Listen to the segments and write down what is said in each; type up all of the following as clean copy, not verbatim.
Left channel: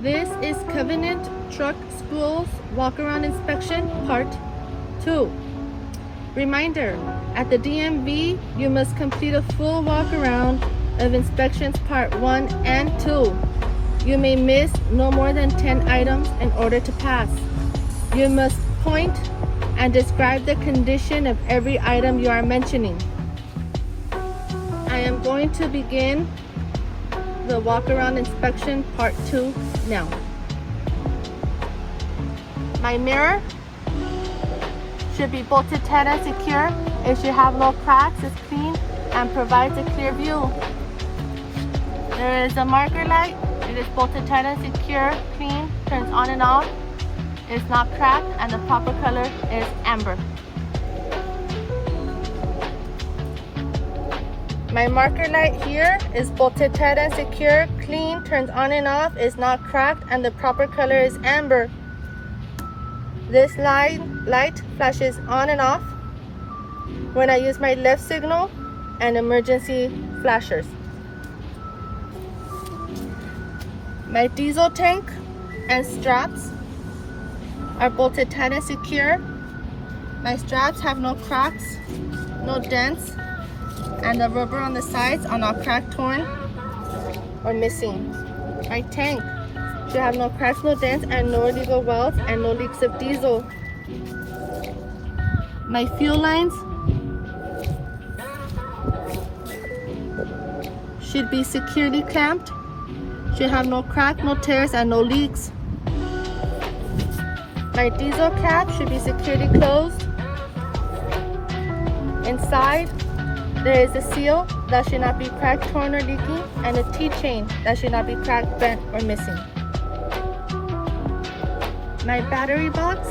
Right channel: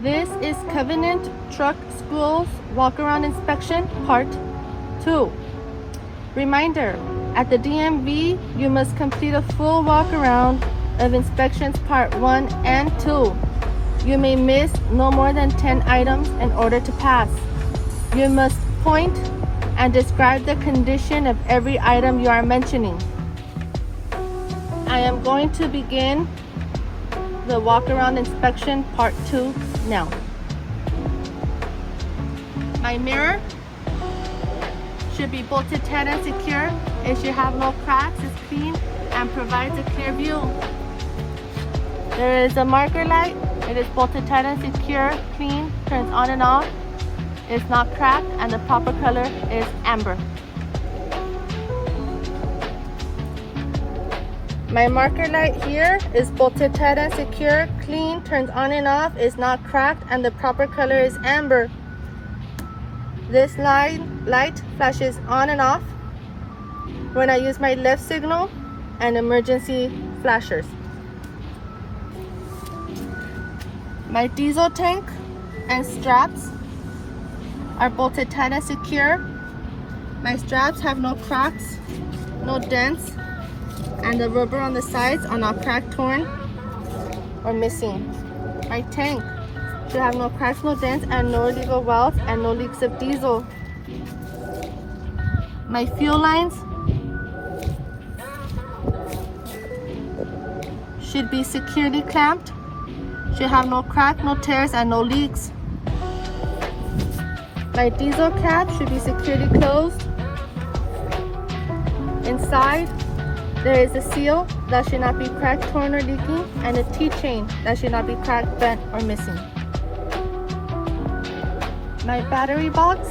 This is Covenant Truck Schools Walk-Around Inspection Part 2. Reminder, at the DMV, you must complete a full walk-around of inspections Part 1 and 2. You may miss no more than 10 items in order to pass. You must point and describe the condition of every item you are mentioning. I am going to begin the walk-around inspection Part 2 now. My mirror should be bolted tight and secure. It should have no cracks, is clean, and provides a clear view. There is a marker light. It is bolted tight and secure, clean, turns on and off. It's not cracked, and the proper color is amber. My marker light here is bolted tight and secure, clean, turns on and off, is not cracked, and the proper color is amber. This light flashes on and off when I use my left signal and emergency flashers. My diesel tank and straps are bolted tight and secure. My straps have no cracks, no dents, and the rubber on the sides are not cracked, torn, or missing. My tank should have no cracks, no dents, and no illegal welds, and no leaks of diesel. My fuel lines should be securely clamped, should have no crack, no tears, and no leaks. My diesel cap should be securely closed. Inside, there is a seal that should not be cracked, torn, or leaking, and a T-chain that should not be cracked, bent, or missing. My battery box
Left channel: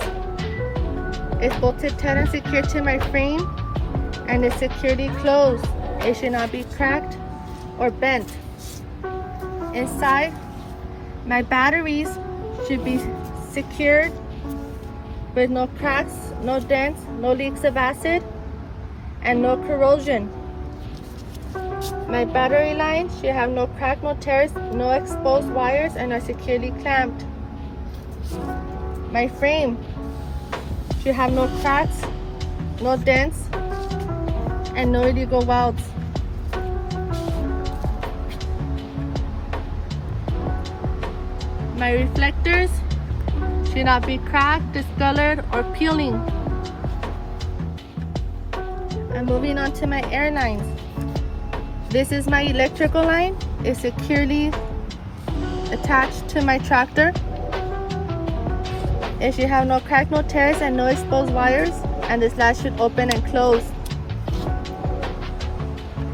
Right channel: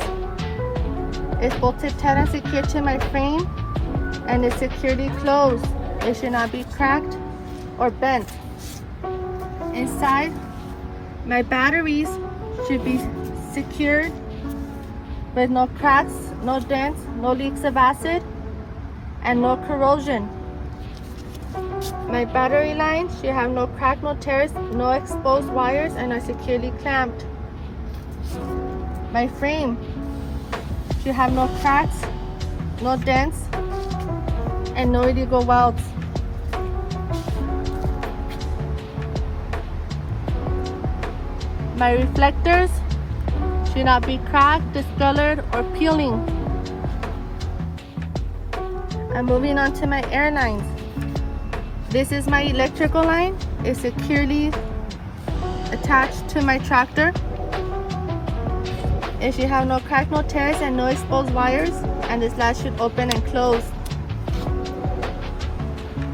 is bolted tight and secure to my frame and is securely closed. It should not be cracked or bent. Inside, my batteries should be secured with no cracks, no dents, no leaks of acid, and no corrosion. My battery lines should have no crack, no tears, no exposed wires, and are securely clamped. My frame should have no cracks, no dents, and no illegal welds. My reflectors should not be cracked, discolored, or peeling. I'm moving on to my air lines. This is my electrical line. It's securely attached to my tractor. It should have no crack, no tears, and no exposed wires, and this latch should open and close.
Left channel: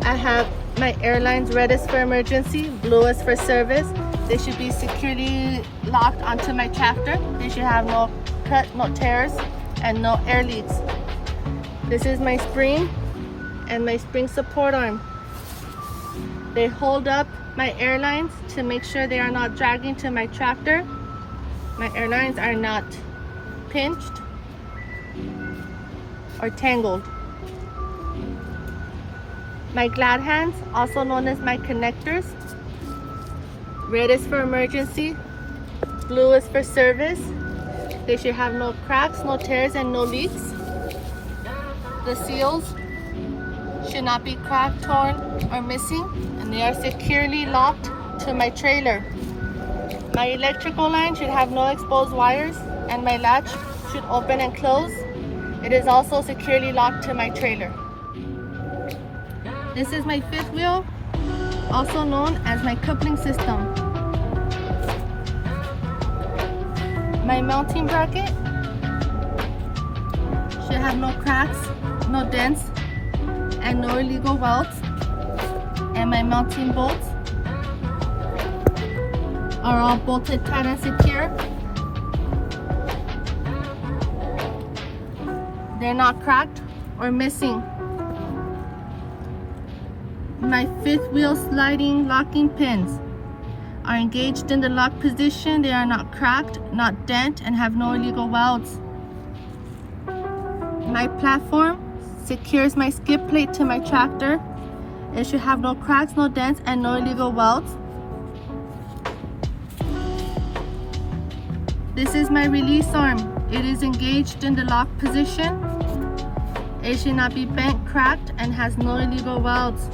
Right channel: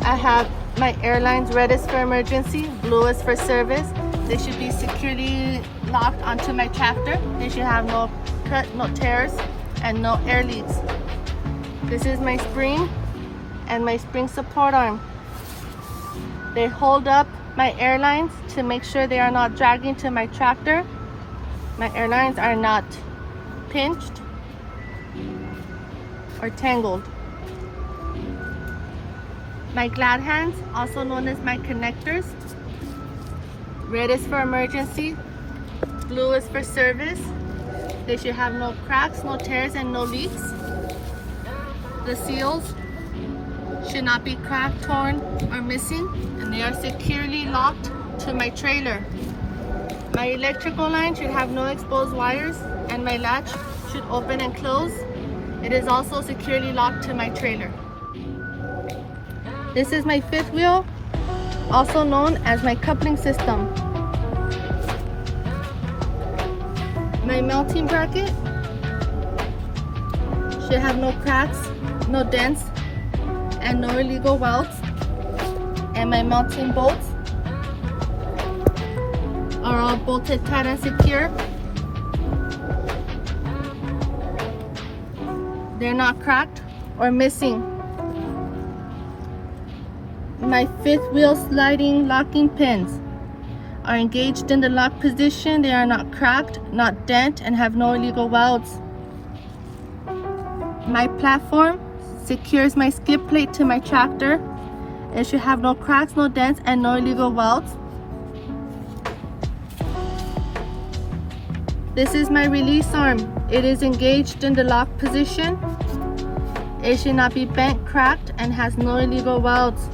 I have my air lines: red is for emergency, blue is for service. They should be securely locked onto my tractor. They should have no cut, no tears, and no air leaks. This is my spring and my spring support arm. They hold up my air lines to make sure they are not dragging to my tractor. My air lines are not pinched or tangled. My glad hands, also known as my connectors. Red is for emergency, blue is for service. They should have no cracks, no tears, and no leaks. The seals should not be cracked, torn, or missing, and they are securely locked to my trailer. My electrical line should have no exposed wires, and my latch should open and close. It is also securely locked to my trailer. This is my fifth wheel, also known as my coupling system. My mounting bracket should have no cracks, no dents, and no illegal welds. And my mounting bolts are all bolted tight and secure. They're not cracked or missing. My fifth wheel sliding locking pins are engaged in the lock position. They are not cracked, not dent, and have no illegal welds. My platform secures my skid plate to my tractor. It should have no cracks, no dents, and no illegal welds. This is my release arm. It is engaged in the lock position. It should not be bent, cracked, and has no illegal welds.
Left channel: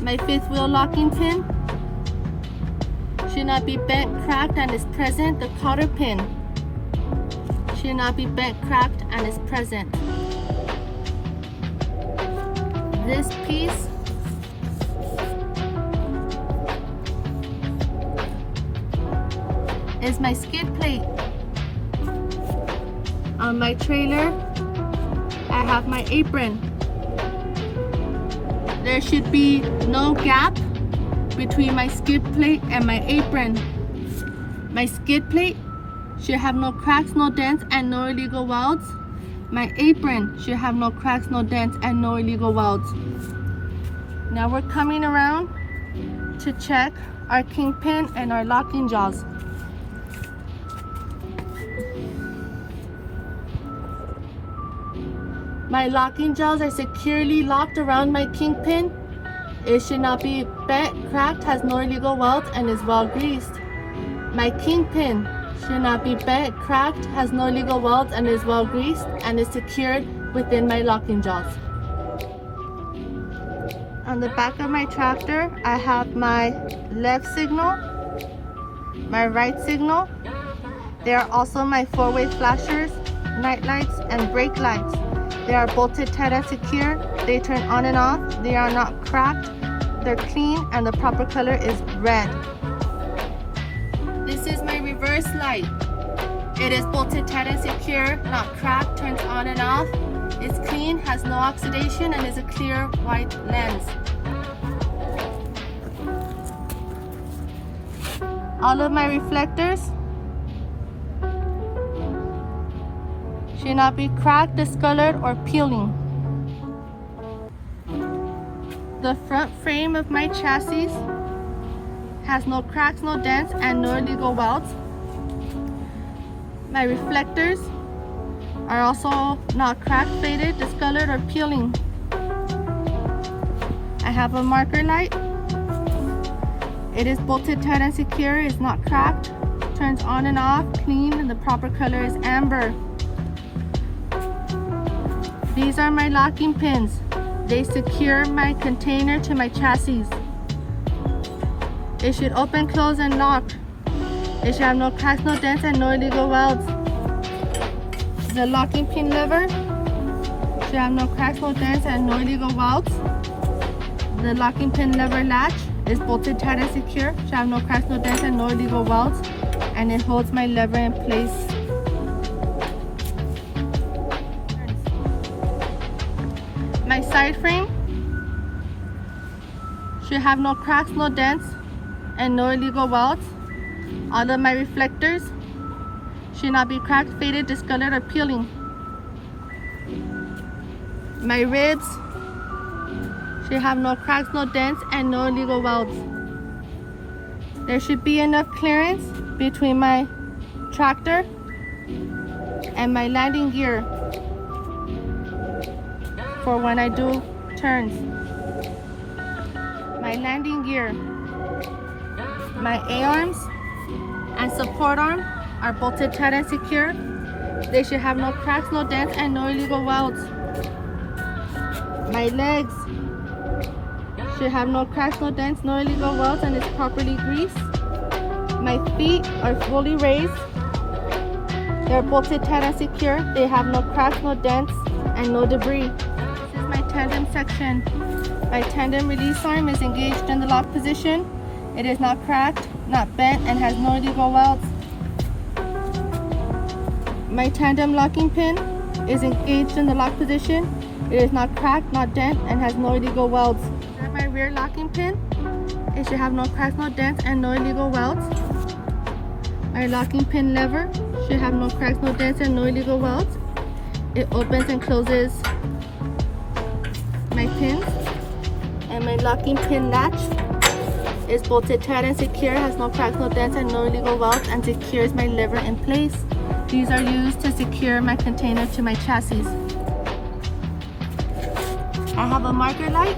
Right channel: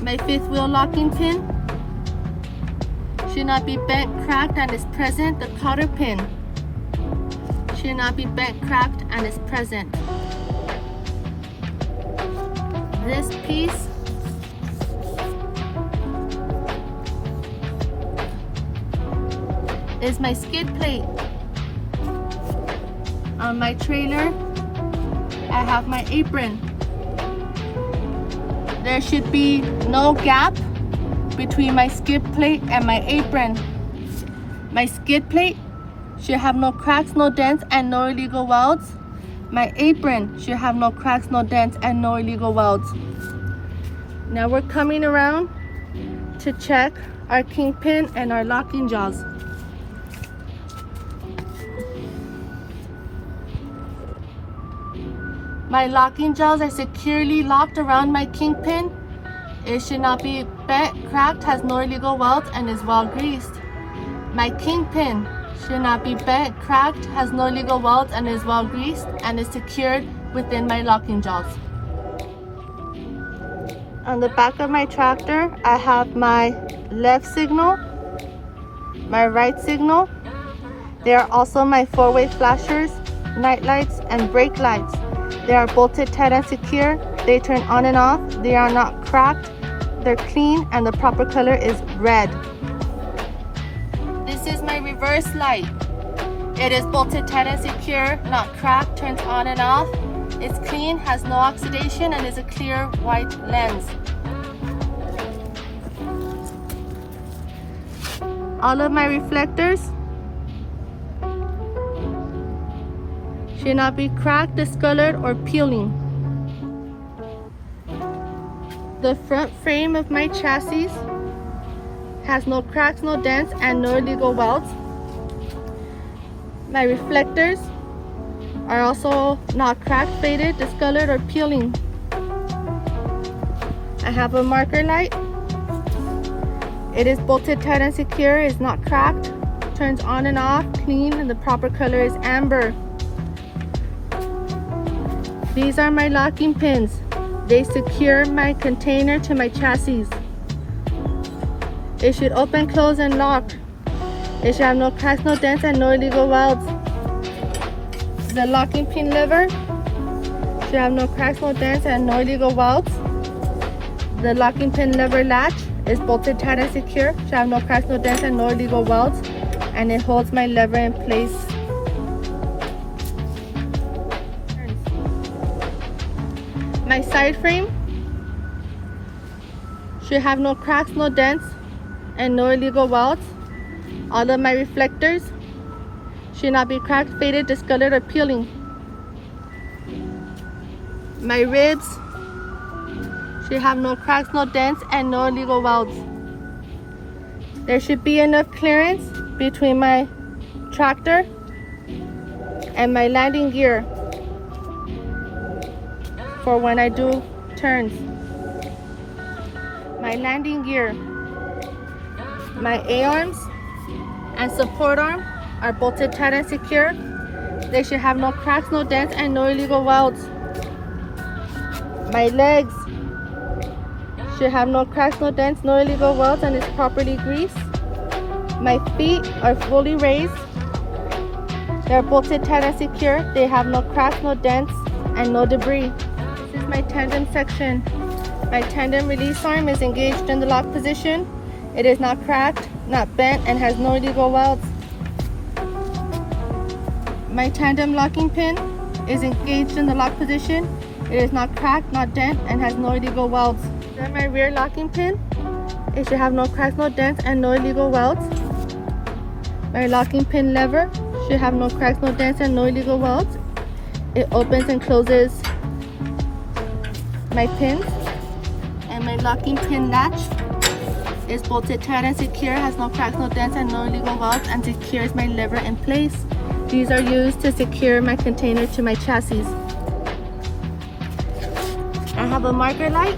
My fifth wheel locking pin should not be bent, cracked, and is present. The cotter pin should not be bent, cracked, and is present. This piece is my skid plate. On my trailer, I have my apron. There should be no gap between my skid plate and my apron. My skid plate should have no cracks, no dents, and no illegal welds. My apron should have no cracks, no dents, and no illegal welds. Now we're coming around to check our kingpin and our locking jaws. My locking jaws are securely locked around my kingpin. It should not be bent, cracked, has no illegal welds, and is well greased. My kingpin should not be bent, cracked, has no illegal welds, and is well greased, and is secured within my locking jaws. On the back of my tractor, I have my left signal, my right signal. They are also my four-way flashers, night lights, and brake lights. They are bolted tight and secure. They turn on and off. They are not cracked. They're clean, and the proper color is red. This is my reverse light. It is bolted tight and secure, not cracked, turns on and off. It's clean, has no oxidation, and is a clear white lens. All of my reflectors should not be cracked, discolored, or peeling. The front frame of my chassis has no cracks, no dents, and no illegal welds. My reflectors are also not cracked, faded, discolored, or peeling. I have a marker light. It is bolted tight and secure, is not cracked, turns on and off, clean, and the proper color is amber. These are my locking pins. They secure my container to my chassis. It should open, close, and lock. It should have no cracks, no dents, and no illegal welds. The locking pin lever should have no cracks, no dents, and no illegal welds. The locking pin lever latch is bolted tight and secure, should have no cracks, no dents, and no illegal welds, and it holds my lever in place. My side frame should have no cracks, no dents, and no illegal welds. All of my reflectors should not be cracked, faded, discolored, or peeling. My ribs should have no cracks, no dents, and no illegal welds. There should be enough clearance between my tractor and my landing gear for when I do turns. My landing gear, my A-arms and support arm are bolted tight and secure. They should have no cracks, no dents, and no illegal welds. My legs should have no cracks, no dents, no illegal welds, and is properly greased. My feet are fully raised. They're bolted tight and secure. They have no cracks, no dents, and no debris. This is my tandem section. My tandem release arm is engaged in the lock position. It is not cracked, not bent, and has no illegal welds. My tandem locking pin is engaged in the lock position. It is not cracked, not dent, and has no illegal welds. Then my rear locking pin, it should have no cracks, no dents, and no illegal welds. My locking pin lever should have no cracks, no dents, and no illegal welds. It opens and closes my pins. And my locking pin latch is bolted tight and secure, has no cracks, no dents, and no illegal welds, and secures my lever in place. These are used to secure my container to my chassis. I have a marker light.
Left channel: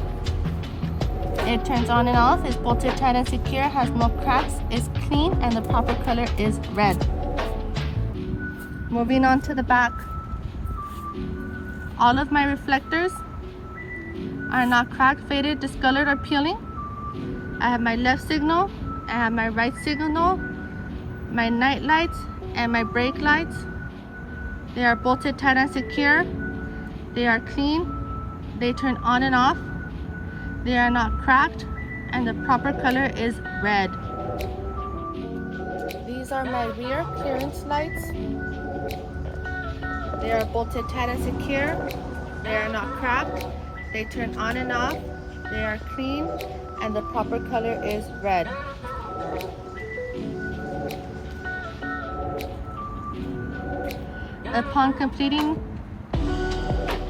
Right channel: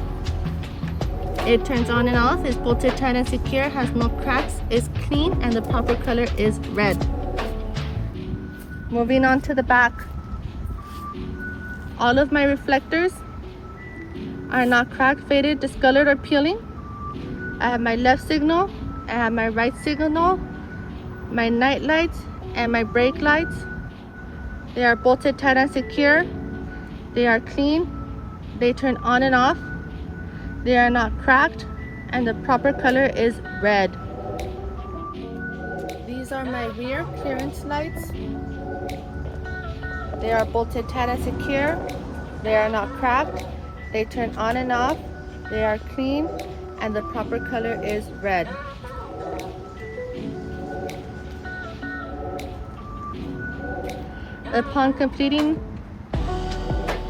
It turns on and off, is bolted tight and secure, has no cracks, is clean, and the proper color is red. Moving on to the back. All of my reflectors are not cracked, faded, discolored, or peeling. I have my left signal, I have my right signal, my night lights, and my brake lights. They are bolted tight and secure. They are clean. They turn on and off. They are not cracked, and the proper color is red. These are my rear clearance lights. They are bolted tight and secure. They are not cracked. They turn on and off. They are clean, and the proper color is red. Upon completing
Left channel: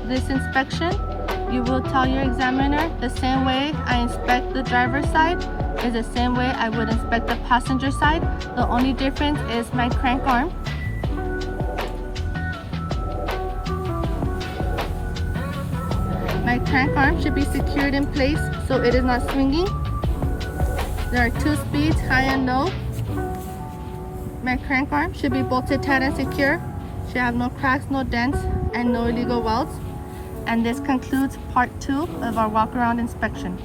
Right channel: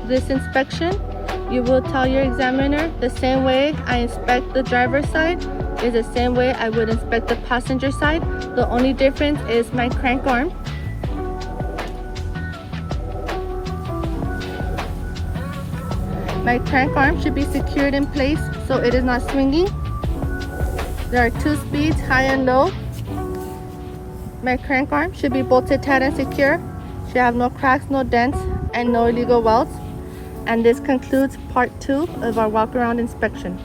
this inspection, you will tell your examiner the same way I inspect the driver's side is the same way I would inspect the passenger side. The only difference is my crank arm. My crank arm should be secured in place so it is not swinging. There are 2 speeds, high and low. My crank arm should be bolted tight and secure. Should have no cracks, no dents, and no illegal welds. And this concludes part 2 of our walk around inspection.